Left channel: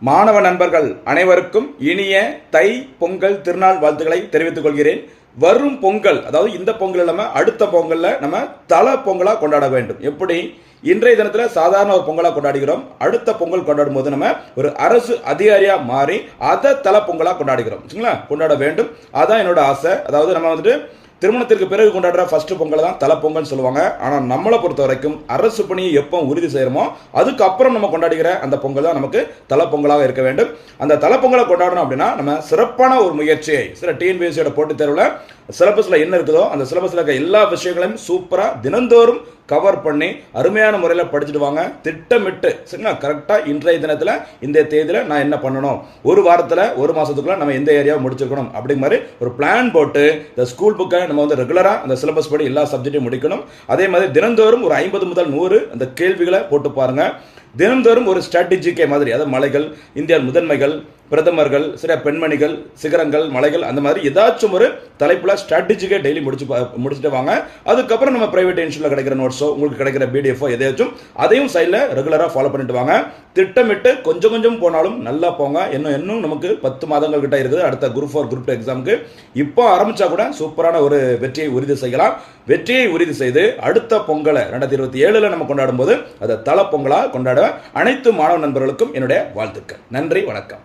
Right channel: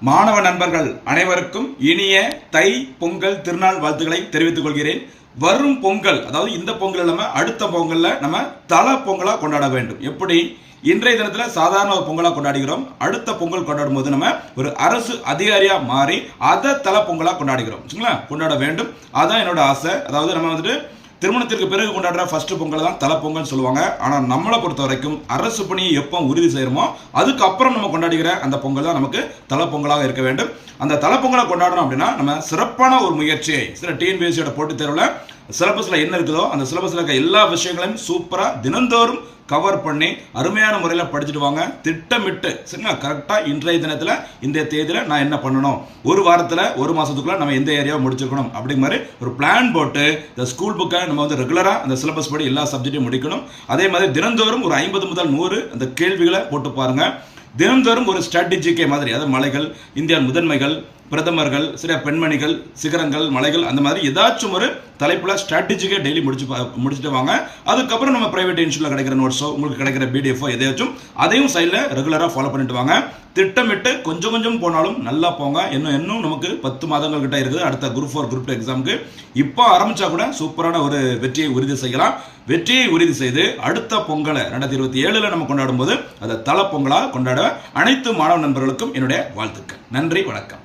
மாணவ நண்பர்கள் அனைவருக்கும் இனிய தை பொங்கல் திருநாள் வாழ்த்துக்களை தெரிவித்துக் கொள்கிறேன். வரும் பொங்கல் அதாவது இந்த பொங்கல் நம்ம அடுத்த பொங்கல்ல நம்ம தல பொங்கலா கொண்டாட வேண்டும். எப்படி? இன்றைய தினத்துல சாதாரண ஒரு பொங்கலா கொண்டாடுகிறோம். அடுத்த பொங்கல் கொண்டாடும் போது நம்ம ஒரு அரசு அதிகாரியா மாறி அதை தல பொங்கலா கொண்டாடுகிறோம். சரிங்களா? கொண்டாட வேண்டும். அதான் என்னோட ஆசை. அதாவது நம்ம வந்துட்டு திருமணத்திற்கு பிறகு கொண்டாடுற ஃபர்ஸ்ட் பொங்கல் தான் தலை பொங்கல்னு சொல்லுவாங்க. ஆனால் நம்மளை பொறுத்த வரைக்கும் அரசு பணியை எப்போ உறுதி செய்கிறோமோ அதுக்கப்புறம் நம்ம கொண்டாடுகிற அந்த பொங்கல் தான் நமக்கு தலை பொங்கலாக இருக்க வேண்டும். அந்த தலை பொங்கலை கொண்டாடணும் அப்படின்னா நம்ம சிறப்பான ஒரு முயற்சியை சில டிஎன்பிஎஸ்சியோட போட்டித் தேர்வில் சிலபஸில் என்ன இருக்குதோ அந்த சிலபஸில் இருக்க எல்லா விஷயங்களையும் சூப்பராக தினந்தோறும் கவர் பண்ணி அருமையான முறையில் படிச்சுட்டு வாங்க. திட்டமிட்டு சரிங்களா? கரெக்டாக இன்றைய தினத்தில் இந்த தேதியில் நான் என்ன பண்ணணும்? ஒரு வாரத்தில் ஒரு மாதத்துக்குள்ள நம்ம எந்த ஏரியாவை முடிச்சிருக்கணும்? அப்படிங்கிற மாதிரி ஒரு பிளான் போட்டு இந்த ஸ்கூல் புக்கை நம்ம வந்து ரெகுலராக அந்த சிலபஸ் படி எல்லா சப்ஜெக்ட்டையும் முடிக்கணும். அதே மாதிரி தினந்தோறும் ஒரு ஐம்பது முதல் நூறு அந்த கேள்விகளை போட்டு பாருங்கள் தினந்தோறும் ஒரு ஸ்ட்ராட்டஜிக்கே மாதிரி அதாவது மலைகள் இந்தியா முதன்மைகள் பிரதமர்கள் சில பெண்மணிகள் சிகரங்கள் மலைகள் அந்த மாதிரி ஏதாச்சும் ஒரு தலைப்புல ஸ்ட்ராட்டஜிக்காக டெய்லி முடிச்சு முடிச்சுட்டு வாங்க. அதுக்கப்புறம் நம்ம பிரைவேட் இன்ஸ்டியூட்ல கிடைக்கிற நோட்ஸோ உங்களுக்கு கிடைக்கிற பிடிஎஃபோ எதையாச்சும் அதையும் சைடில் ரெகுலராக ஃபாலோ பண்ணிட்டு வாங்க. திட்டமிட்டு கொஞ்சம் கொஞ்சம் போனாலும் நல்லா போங்க. இன்னும் இன்னும் நமக்கு பத்து மாதங்கள் கிட்ட இருக்குது. அடுத்த குரூப் ஃபோர் குரூப் டூ எக்ஸாமுக்கு இப்போ ஆரம்பிச்சா கூட சூப்பரான ஒரு வெற்றியை உறுதி செய்யலாம். வெற்றியை உறுதி செய்து அடுத்த பொங்கலை ரெண்டாயிரத்தி இருபத்தி ஏழில் நம்ம கொண்டாடும் போது அதை தலை பொங்கலாக கொண்டாட அனைத்து மாணவ நண்பர்களுக்கும் என்னுடைய வாழ்த்துக்கள். நன்றி வணக்கம்.